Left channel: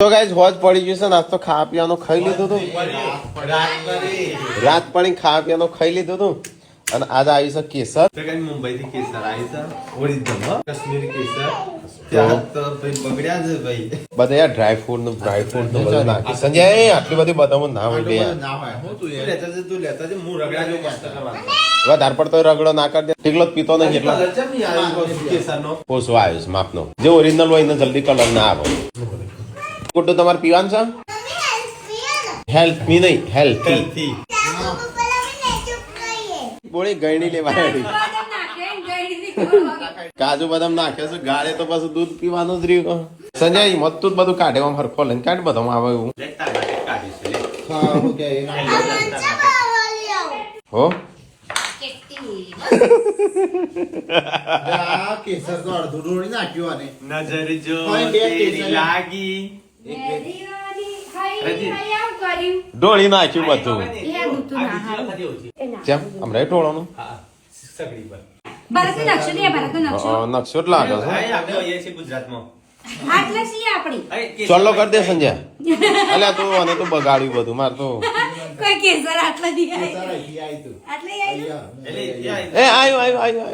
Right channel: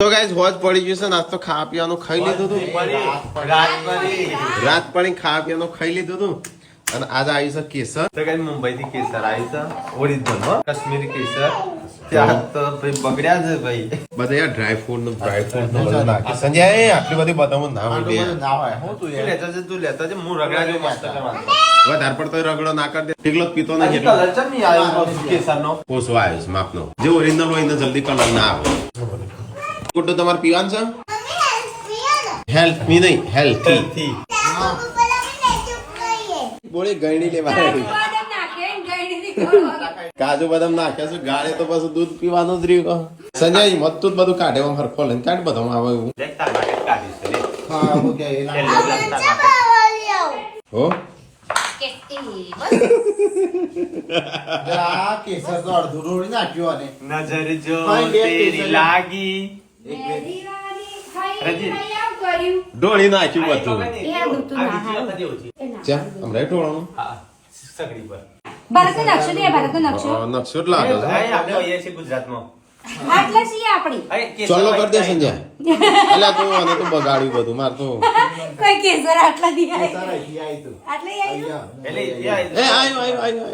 તો ગાઈસ હોજ પડી ગયું છે ને આજ તો ખાવા પીવાનું ખાઈ લીધું હતું રાત પડી ખાવા પીવાનું ખાઈ લીધું હતું અને આજે આવ્યું છે કેસર તો કઈ મુંબઈ થી કેસર આવ્યું છે ઓરિજિનલ કાશ્મીરી કેસર ત્યાં તો ભાઈ બગડ્યા છે ભાઈ બધા યાર ડ્રાય ફ્રૂટ નું બધું નાખી સંજય આટલી બધી બતાવું ના હોય ના હોય હું તું લેતા છે હું રગડા જેવું મસ્ત કરવાનું વધારે પડતો રગડો ના કરી દે ટીકલો પીતો નથી એટલો કેસર નો ઓછો આવ્યો છે માપનો જે ઓરિજિનલ હોય એને જલ્દી કલર ના આવે કુટું તમારે પીવાનું છે હેલ્થ મી નહીં હેલ્થી થી બોળી ગયણી લેવા આવી કાજુ બદામ નાખે છે ગાળે તો પાછું દૂધ પીવાનું જ રહ્યું સંજય મત તું બધું કાઢે હરખો લઈને કાઢ બધું આવે એવું હો કેસર તો અડધું ડોળી નાખ્યું અને નજર જો તેરી લાગી ઢોળી નાખ્યું બધું કેમ હમણાં ઢોળવાનું ભારતનો નકશો નહીં, ભારતનો નકશો નકશો જ લાગે છે ગુજરાતમાં આટલા છીએ આપણી ચોલ્લો કરી દે સંજય એટલે તું અને તું બગાડ્યું બધું માર તો કોઈ કેસર આટલા દી કેસર અહીંથી આવ્યું હતું. આટલે આવ્યું એ આયો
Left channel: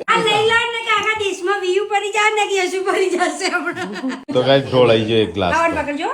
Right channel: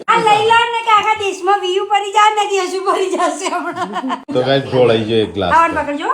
આ લઈ લો ને કે આખા દેશમાં વ્યૂ પડી જાય ને કે હજુ પડી જશે હમણાં તો કઈ ઢોળાઈ ગયો એક ગ્લાસ આવડ પકડજો